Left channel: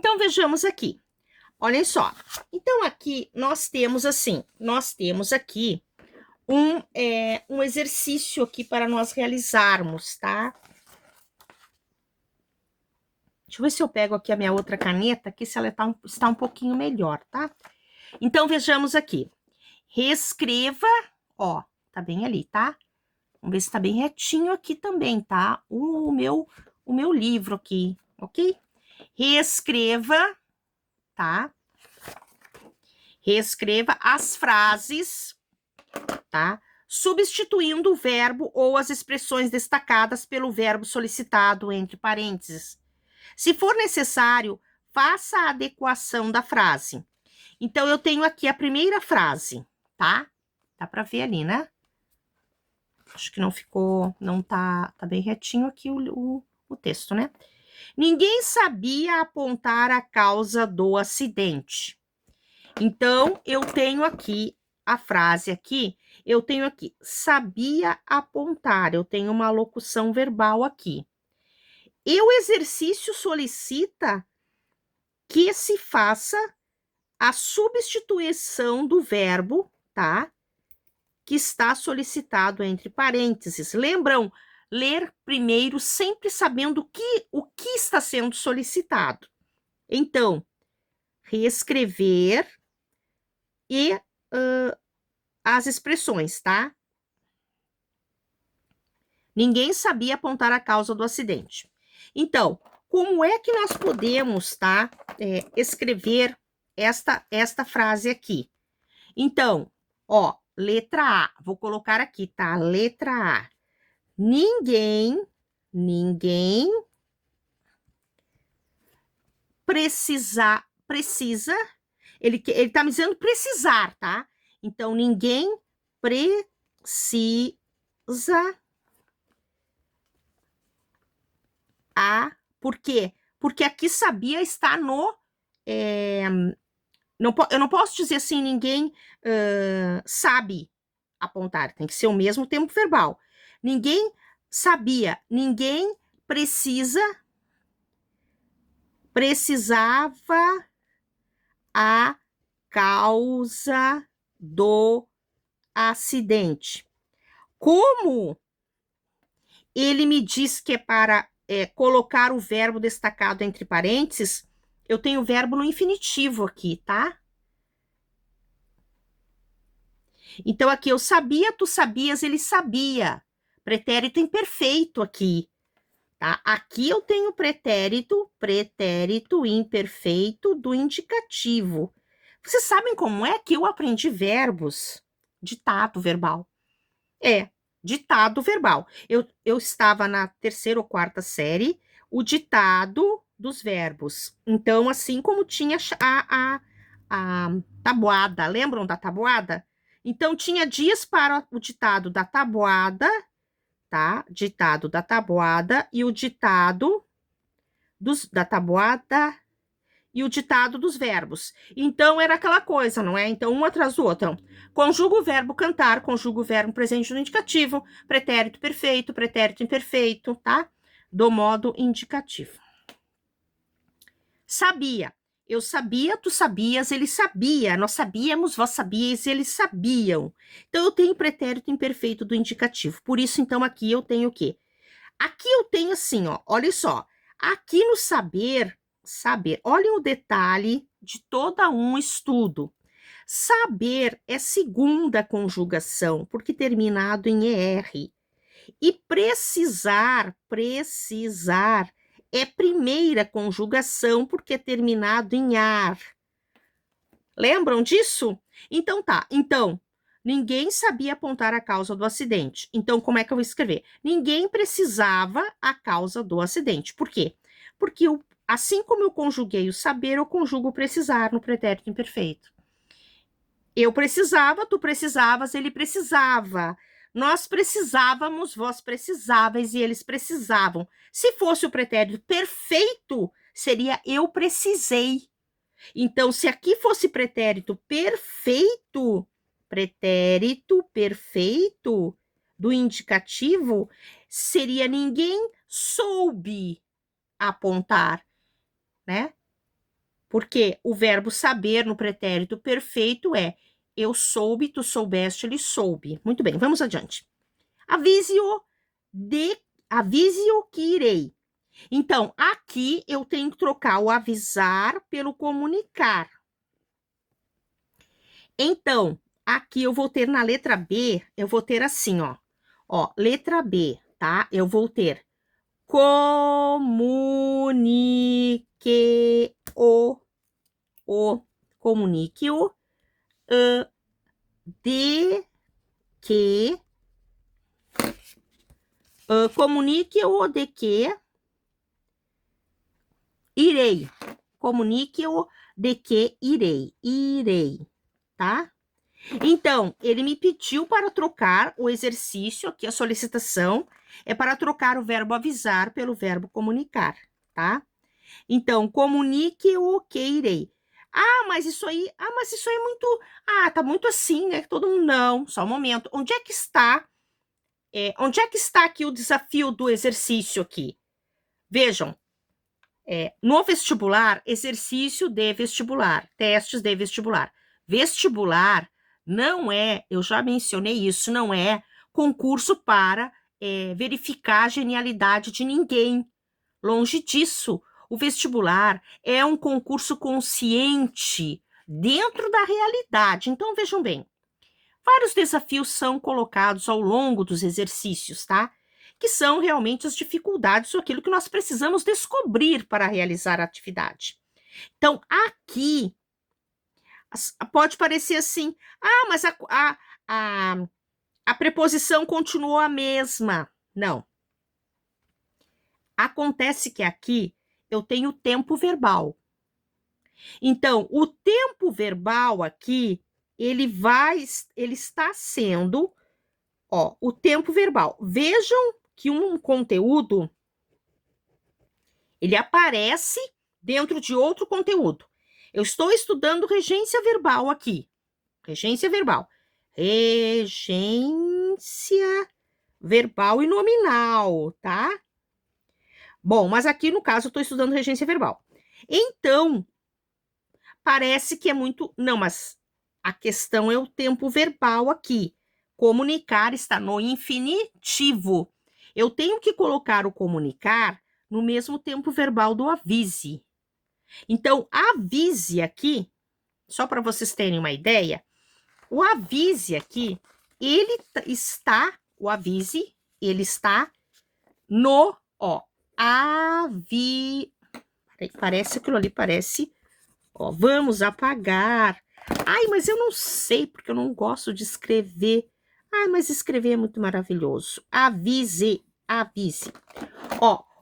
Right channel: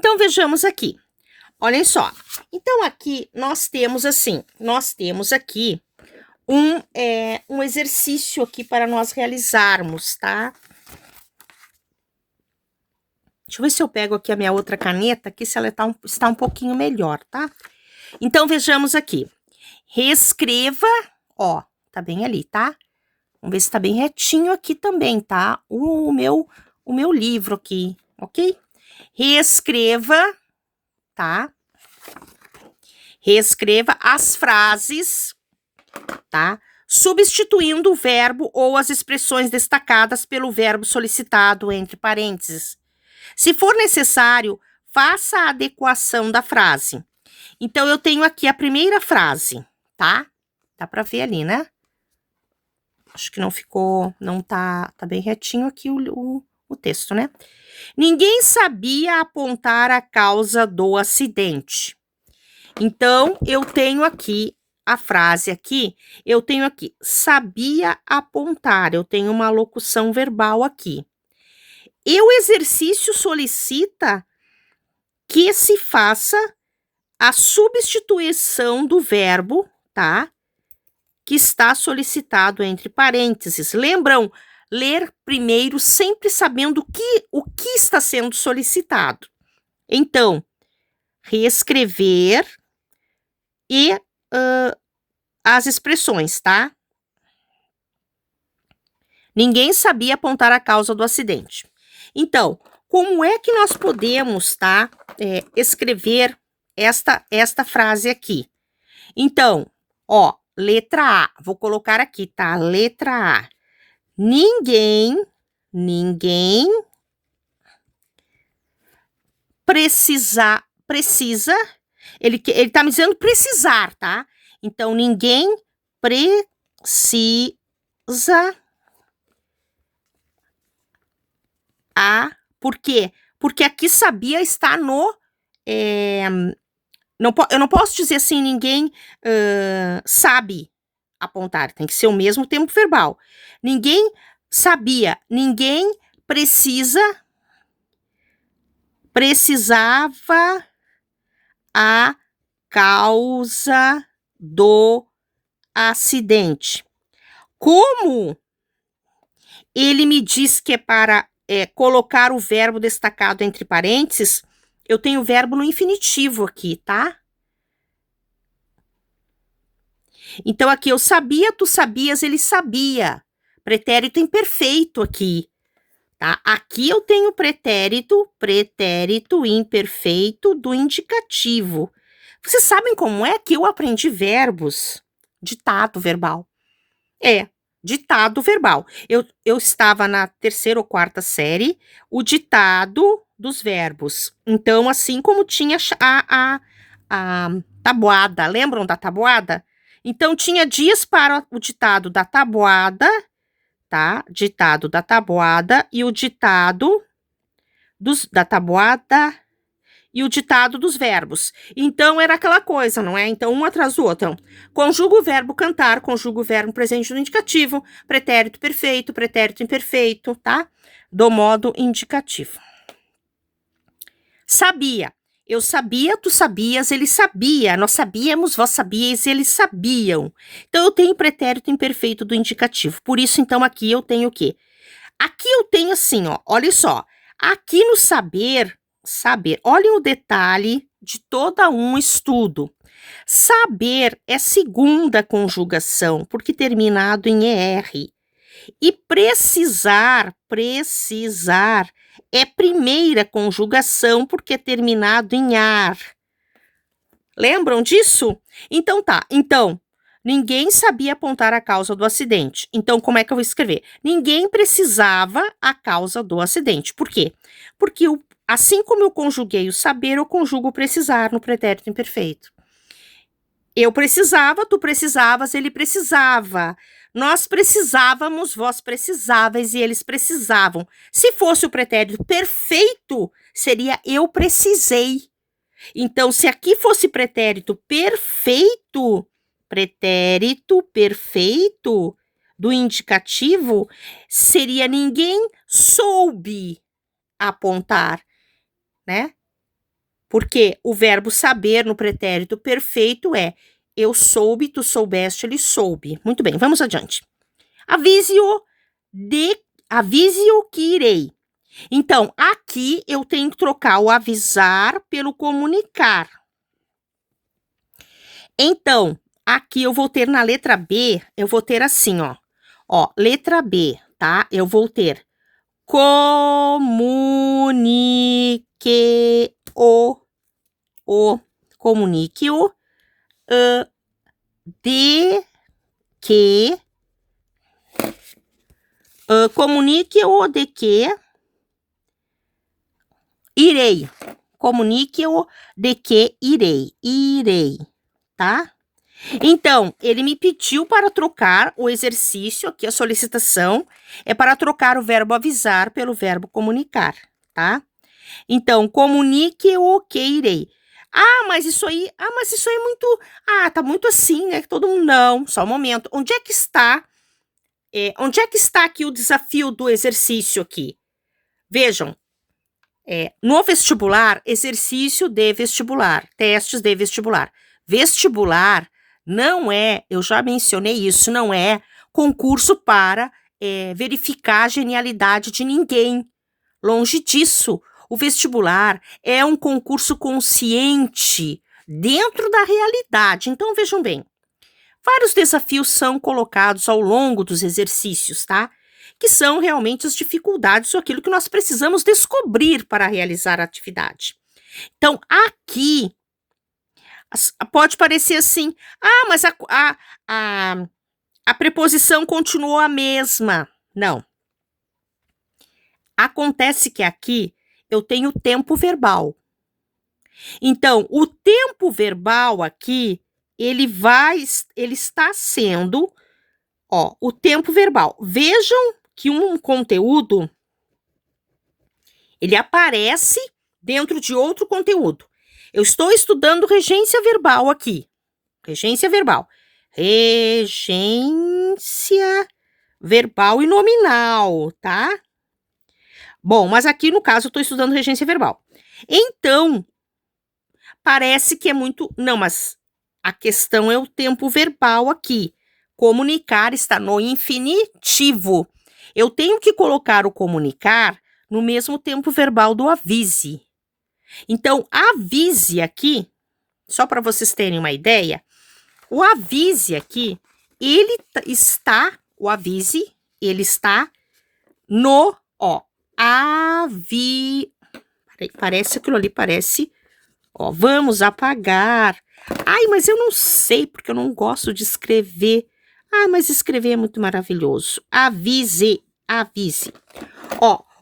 Então, vejamos aqui. Olhem só. Então, aqui nós temos assim, aqui um exercício aqui para nós realizarmos, tá? Deixa eu ver se eu pego aqui a minha outra caneta, aqui se ela está um pouquinho melhor, tá? Então, vejamos aqui. Reescreva, ó, tá bem ali, tá? Vamos ver se tá bem retinho aqui também, tá? O meu livro aqui, ok? Reescreva, tá? Reescreva as frases, tá? Substituindo o verbo ou as expressões destacadas pelo verbo solicitado entre parênteses. Se for necessário, faça a adequação da frase. Então, eu tenho aqui a primeira frase, tá? Dá para ver ali, né? Acho que não ficou, não tá bem retinho aqui o texto, né? Ninguém sabia apontar a causa do acidente. Então, eu tenho aqui a frase aqui, eu tenho aqui, sabia apontar, eu tenho uma locução verbal aqui. E o exercício solicita que se faça a substituição do verbo, tá? Que está solicitado entre parênteses. Lembram? Ler primeiro, sempre sabendo o que está sendo solicitado. Então, reescrever e as expressões, tá? Ninguém sabia apontar a causa do acidente. Então, como é que nós podemos, tá? Escrever esta frase aqui. Então, ó, letra A, vou colocar aqui, tá? Letra A. Ninguém precisa, ele tá me dizendo precisar, tá? Então, ninguém precisa por quê? Porque aqui sabia está no, eu não posso dizer assim, ninguém sabe apontar, tem que ser o mesmo tempo verbal. Ninguém sabia, ninguém precisava a causa do acidente. Como ele me diz que é para colocar o verbo destacado entre parênteses, eu tenho o verbo no infinitivo aqui, tá? Então, aqui eu sabia, tu sabias, ele sabia. Pretérito imperfeito aqui, tá? Aqui eu tenho pretérito imperfeito do indicativo. Vocês sabem como é que eu aprendi verbos? Ditado verbal. Ditado verbal. Eu estava na terceira ou quarta série, o ditado dos verbos. Então, assim como tinha a tabuada, lembram da tabuada? Então, tinha dias para o ditado da tabuada, tá? Ditado da tabuada e o ditado da tabuada e o ditado dos verbos. Então, era aquela coisa, não é? Então, um atrás do outro. Então, conjuga o verbo cantar, conjuga o verbo presente no indicativo, pretérito perfeito, pretérito imperfeito, tá? Do modo indicativo. Sabia. Eu sabia, tu sabias, ele sabia. Nós sabíamos, vós sabíeis, eles sabiam. Então, eu tenho pretérito imperfeito do indicativo. Por isso, então, aqui eu tenho o quê? Aqui eu tenho assim, ó, olha só. Aqui no saber, olhem o detalhe de todo um estudo. Saber é segunda conjugação, porque terminado em ER. E precisar é primeira conjugação, porque é terminado em ar. Lembram disso? Então tá. Então, ninguém sabia apontar a causa do acidente. Então, como é que eu vou escrever? Ninguém precisava a causa do acidente. Por quê? Porque assim como eu conjuguei o saber, eu conjugo o precisar no pretérito imperfeito. Eu precisava, tu precisavas, ele precisava. Nós precisávamos, vós precisávais e eles precisavam. Se fosse o pretérito perfeito, seria eu precisei. Então, se aqui fosse pretérito perfeito do indicativo, seria ninguém soube apontar, né? Porque o verbo saber no pretérito perfeito é eu soube, tu soubeste, ele soube. Muito bem, vamos adiante. Avise-o que irei. Então, aqui eu tenho que trocar o avisar pelo comunicar. Então, aqui eu vou ter na letra B, eu vou ter assim, ó. Ó, letra B, tá? Eu vou ter comunique-o, de que, comunique-o de que irei. Comunique-o de que irei, tá? Então, ele me pediu para trocar o exercício, aqui a solicitação, é para trocar o verbo avisar pelo verbo comunicar, tá? Então, comunique o que irei. Mas isso aí é muito, tá muito assim, né? Todo mundo, não, só um momento. Onde é que está aqui o desafio do exercício aqui? Vejam, no vestibular, exercício de vestibular, testes de vestibular. Vestibular não é, eu já mencionei isso, não é concurso para verificar a genialidade de ninguém. Longe disso. O vestibular é um concurso consciente dentro da realidade. Então, vejam bem, vários desafios são colocados ao longo dos exercícios, tá? Que são realmente as dificuldades ou aquilo que nós precisamos descobrir para realizar a atividade. Então, aqui, pode parecer assim, mas a preposição continuou a mesma. Não. Acontece que aqui eu tenho tempo verbal. Então, o tempo verbal aqui, ele está sendo, o tempo verbal. Vejam que um conteúdo, ele aparece dentro de outro conteúdo. Eu estou estudando regência verbal aqui. Regência verbal. Regência verbal e nominal, tá? Bom, mas aqui, no caso, eu estou estudando regência verbal. Então, parece que é muito... Não, mas a questão é o tempo verbal aqui. Comunicar está no infinitivo. Eu tenho que colocar o comunicar no mesmo tempo verbal do avise. Então, avise aqui, só para vocês terem uma ideia, o avise aqui, ele está no, parece aquilo ali, parece, vamos apagar. Mas eu não sei, porque eu não gosto de escrever. Mas escrever é muito maravilhoso. Avise.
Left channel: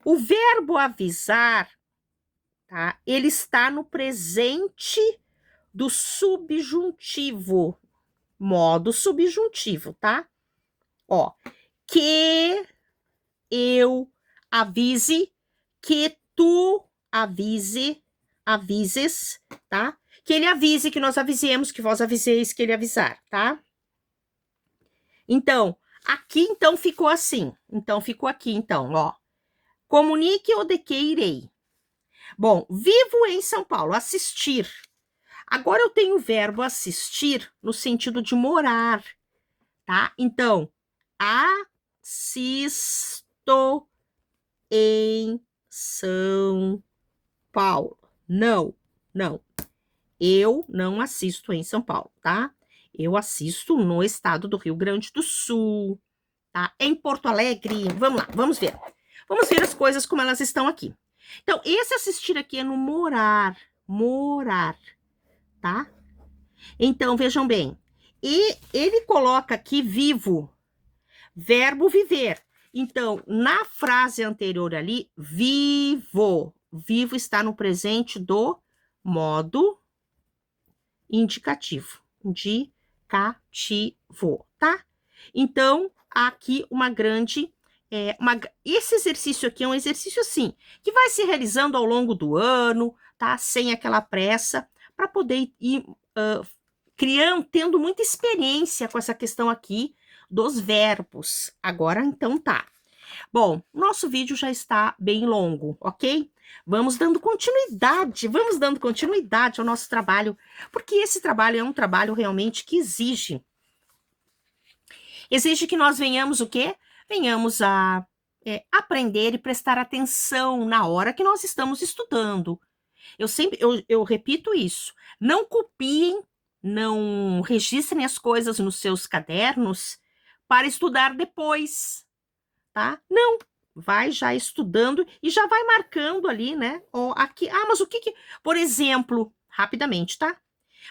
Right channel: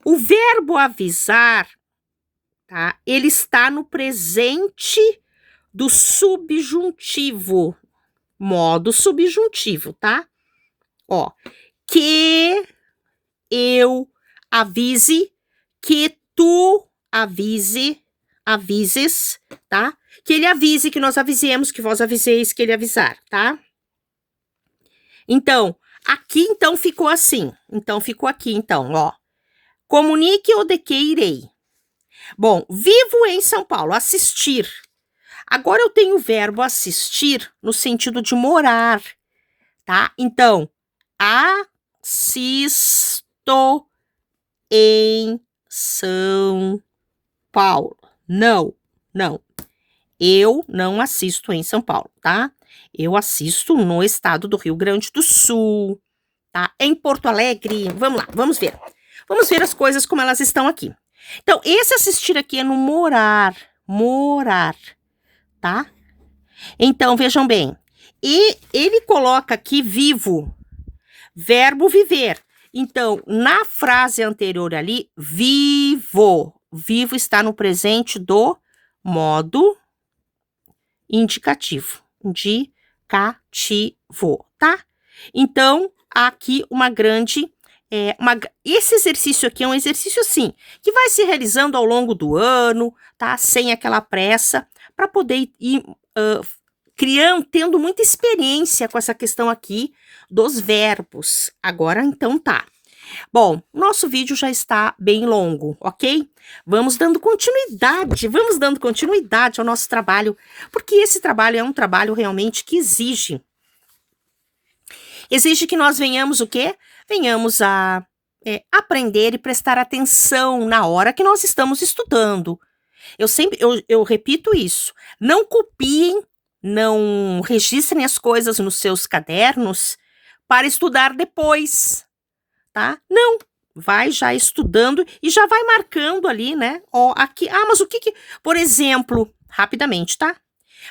O verbo avisar, tá? Ele está no presente do subjuntivo, modo subjuntivo, tá? Que eu avise, que tu avises, tá? Que ele avise, que nós avisemos, que vós aviseis, que ele avisar, tá? Então, aqui, então, ficou assim. Então, ficou aqui, então, Comunique o de que irei. Bom, vivo em São Paulo, assistir. Agora eu tenho o verbo assistir no sentido de morar, tá? Então, assisto em São Paulo. Não. Eu não assisto em São Paulo, tá? Eu assisto no estado do Rio Grande do Sul, tá? Em Porto Alegre. Vamos lá, vamos ver. Vamos ver as coisas como elas estão aqui. Então, esse assistir aqui é no morar, tá? Então, vejam bem. E ele coloca aqui vivo, verbo viver. Então, na frase anterior ali, vivo. Vivo está no presente do modo indicativo. Tá? Então, aqui uma grande... esse exercício aqui é um exercício, assim, que vai se realizando ao longo do ano, tá? Sem aquela pressa, para poder ir tendo muita experiência com essa questão aqui dos verbos. Agora, então, tá. Bom, nosso vídeo já está bem longo, ok? Vamos dando continuidade ao nosso trabalho, porque esse trabalho é um trabalho realmente que exige que nós venhamos o quê? Venhamos a aprender e prestar atenção na hora que nós estamos estudando. Eu repito isso, não copiem, não registrem as coisas nos seus cadernos para estudar depois, tá? Não, vai já estudando e já vai marcando ali, né? Ó, aqui, mas o que por exemplo, rapidamente, tá?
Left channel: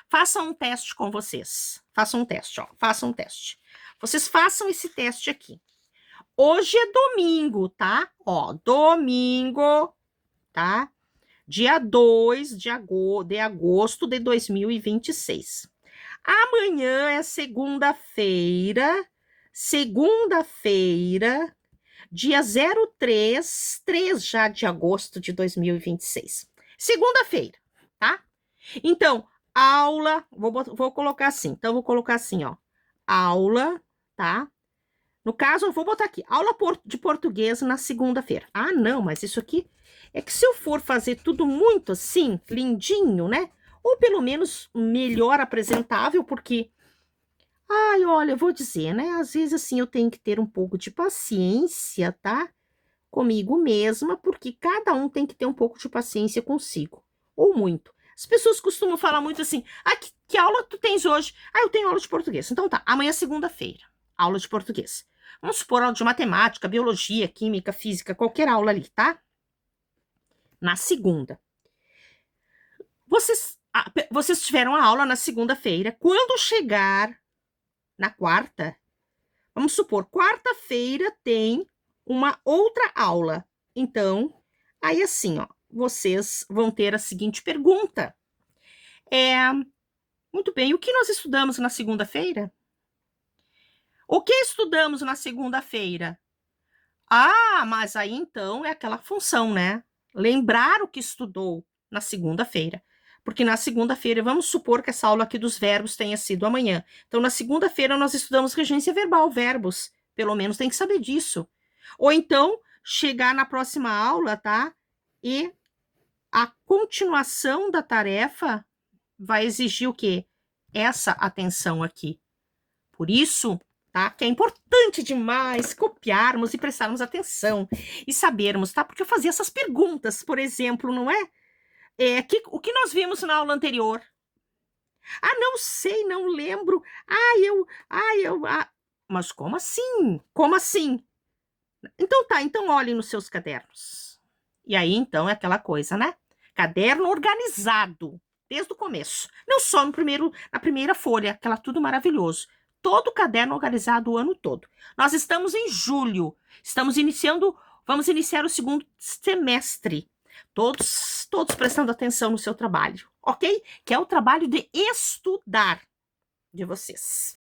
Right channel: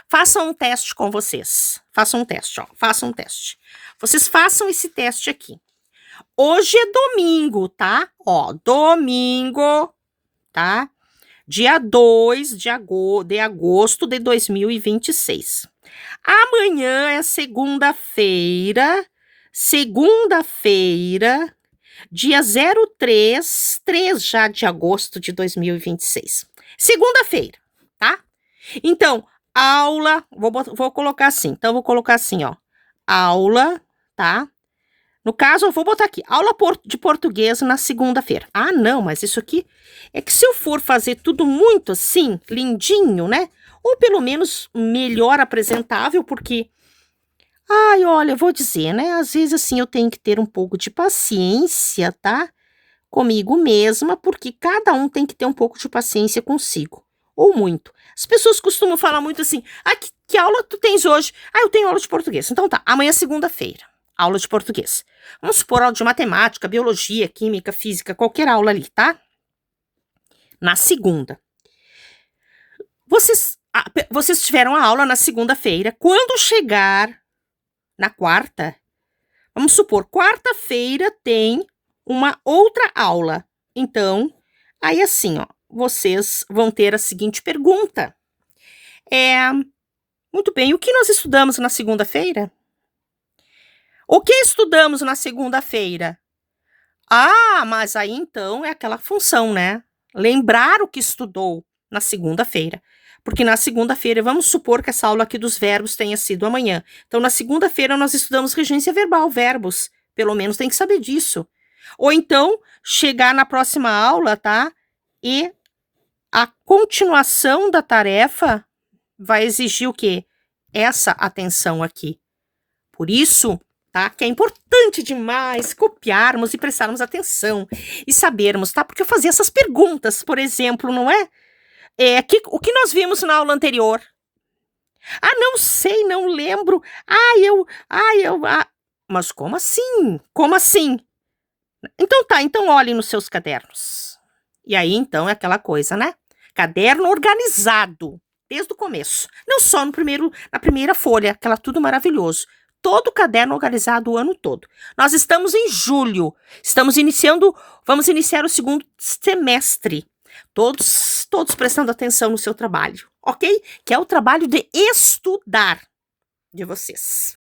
Façam um teste com vocês. Façam um teste, ó. Façam um teste. Vocês façam esse teste aqui. Hoje é domingo, tá? Ó, domingo, tá? Dia 2 de agosto de 2026. Amanhã é segunda-feira, dia 3 já de agosto de 2026. Segunda-feira, tá? Então, aula, vou colocar assim. Então, vou colocar assim, ó. Aula, tá? No caso, eu vou botar aqui, aula de português na segunda-feira. Ah, não, mas isso aqui é que se eu for fazer tudo muito assim, lindinho, né? Ou pelo menos melhor apresentável, porque... Ai, olha, eu vou dizer, né? Às vezes, assim, eu tenho que ter um pouco de paciência, tá? Comigo mesma, porque cada um tem que ter um pouco de paciência consigo. Ou muito. As pessoas costumam falar muito assim, que aula tu tens hoje? Ah, eu tenho aula de português. Então tá, amanhã é segunda-feira, aula de português. Vamos supor aula de matemática, biologia, química, física, qualquer aula ali, tá? Na segunda. Vocês tiveram a aula na segunda-feira. Quando chegar na quarta, vamos supor, quarta-feira tem uma outra aula. Então, aí assim, ó, vocês vão ter a seguinte pergunta. Muito bem, o que nós estudamos na segunda-feira? O que estudamos na segunda-feira? Ah, mas aí então é aquela função, né? Lembrar o que estudou na segunda-feira. Porque na segunda-feira, vamos supor que essa aula aqui dos verbos tenha sido amanhã. Então, na segunda-feira, nós estudamos regência verbal, verbos. Pelo menos tem que saber disso. Ou então, chegar na próxima aula, tá? E a continuação da tarefa vai exigir o quê? Essa atenção aqui. Por isso, tá? Que é importante demais copiarmos e prestarmos atenção e sabermos, tá? Porque eu fazia essas perguntas, por exemplo, não é? O que nós vimos na aula anterior? Ah, não sei, não lembro. Mas como assim? Como assim? Então tá, então olhem nos seus cadernos. E aí, então, é aquela coisa, né? Caderno organizado, desde o começo. Não só na primeira folha, aquela tudo maravilhoso. Todo o caderno organizado o ano todo. Nós estamos em julho, vamos iniciar o segundo semestre. Todos prestando atenção no seu trabalho, ok? Que é o trabalho de estudar de vocês.